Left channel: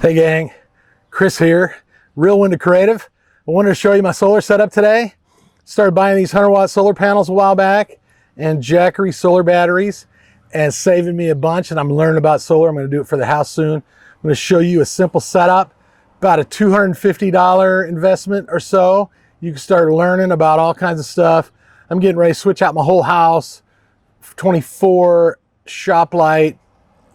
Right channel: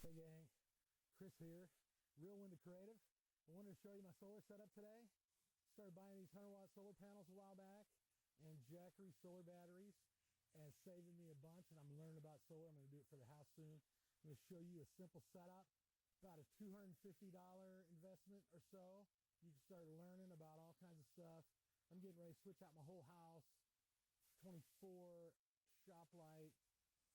Hey gang, Chris here, Real Window Creative. I wanted to show you my solar setup today. Started buying these 100-watt solar panels a while back and Jackery solar batteries, and saving me a bunch, and I'm learning about solar. I'm going to do it for the house soon. I'm going to show you a simple setup, about a $250 investment or so. You can start learning about all kinds of stuff. I'm getting ready to switch out my whole house, 24 shop light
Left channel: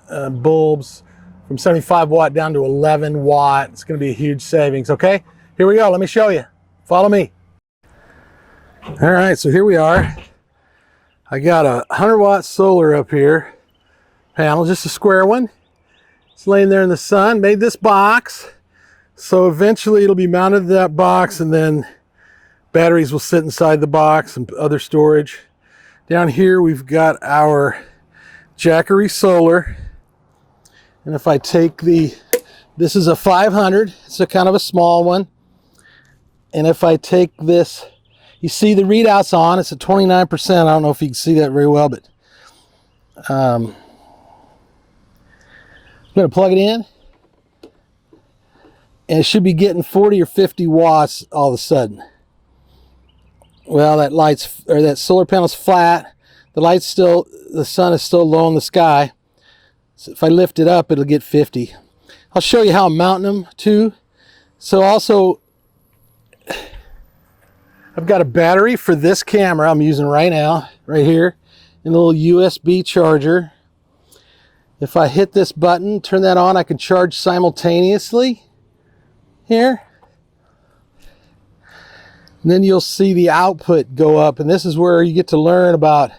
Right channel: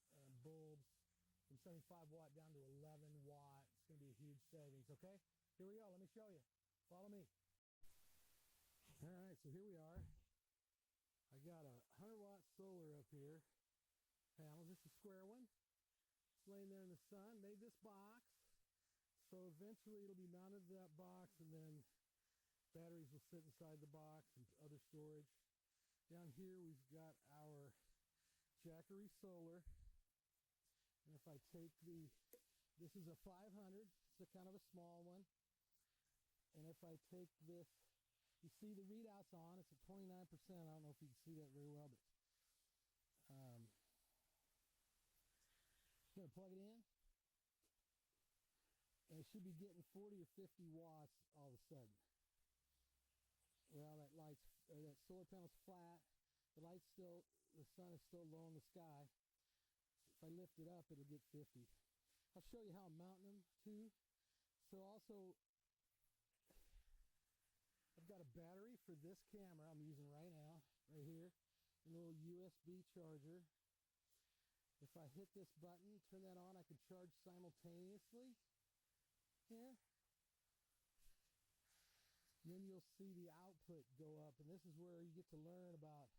bulbs, from 75 watt down to 11 watt. It's going to be a huge savings. Okay, here we go. Let me show you. Follow me. All right, so here we are. I got a 100-watt solar up here panel, just a square one. It's laying there in the sun. Made this box, so eventually it'll be mounted to that box, and then batteries will sit inside the box and other storage. Down here we've got our Jackery solar. And if I take this is a 500, it's a kind of a small one. And if I take this, you see the readouts on, it's at 29%. I don't know if you can see that very well, but I'm gonna plug it in. And it should be getting 40 or 50 watts all of a sudden. Well, that solar panel's flat. The sun is still low in the sky. So if I lift it up, it'll get 50. I'll show you how I'm mounting them too. So also, I've got a battery for this camera I'm using right now, right here, and a little USB charger. If I hit this button, turn that on, I can charge simultaneously here. And then you'll see the output go up, and this is where you get to learn about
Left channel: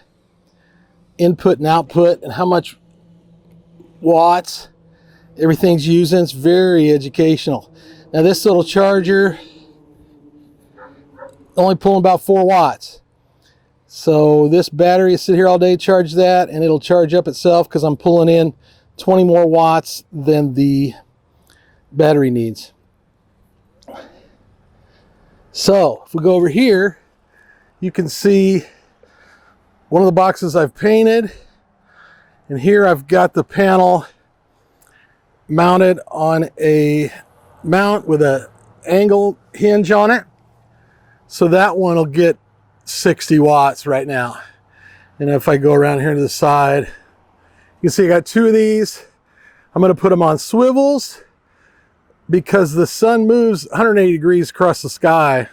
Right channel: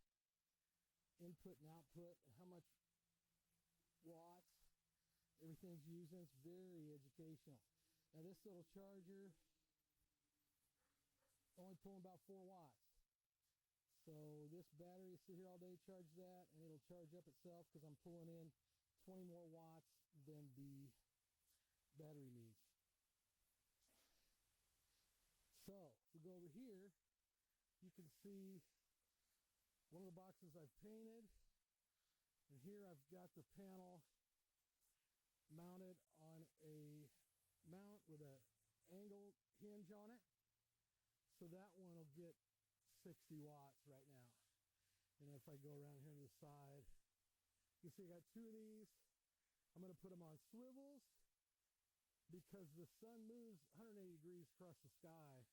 input and output and how much watts everything's using. It's very educational. Now this little charger only pulling about 4 watts, so this battery will sit here all day, charge that, and it'll charge up itself because I'm pulling in 20 more watts than the battery needs. So if we go over here, you can see one of the boxes I've painted. And here I've got the panel mounted on a mount with an angle hinge on it. So that one will get 60 watts right now. And if I go around here to the side, you can see I got 2 of these. I'm going to put them on swivels because the sun moves 180 degrees across the sky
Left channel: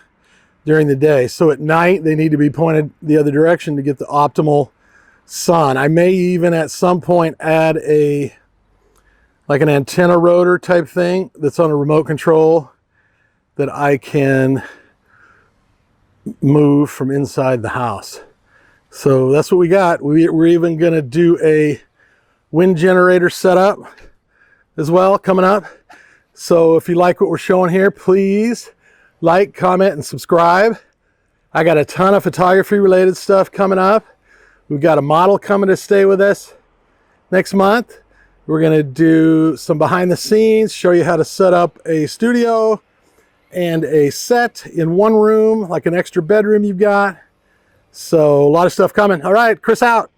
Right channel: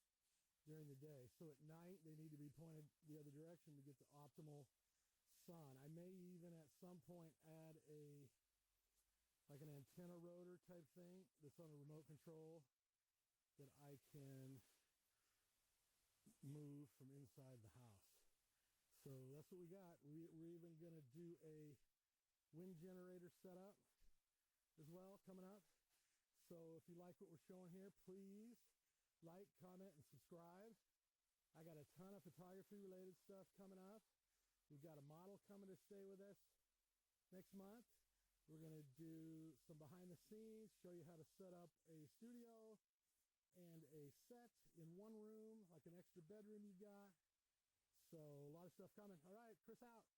during the day. So at night, they need to be pointed the other direction to get the optimal sun. I may even at some point add like an antenna rotor type thing that's on a remote control that I can move from inside the house. So that's what we got. We're even going to do a wind generator setup as well coming up. So if you like what we're showing here, please like, comment, and subscribe. I got a ton of photography related stuff coming up. We've got a model coming to stay with us next month. We're going to do some behind the scenes, show you how to set up a studio and a set in one room, like an extra bedroom you've got. So a lot of stuff coming. All right, Chris out.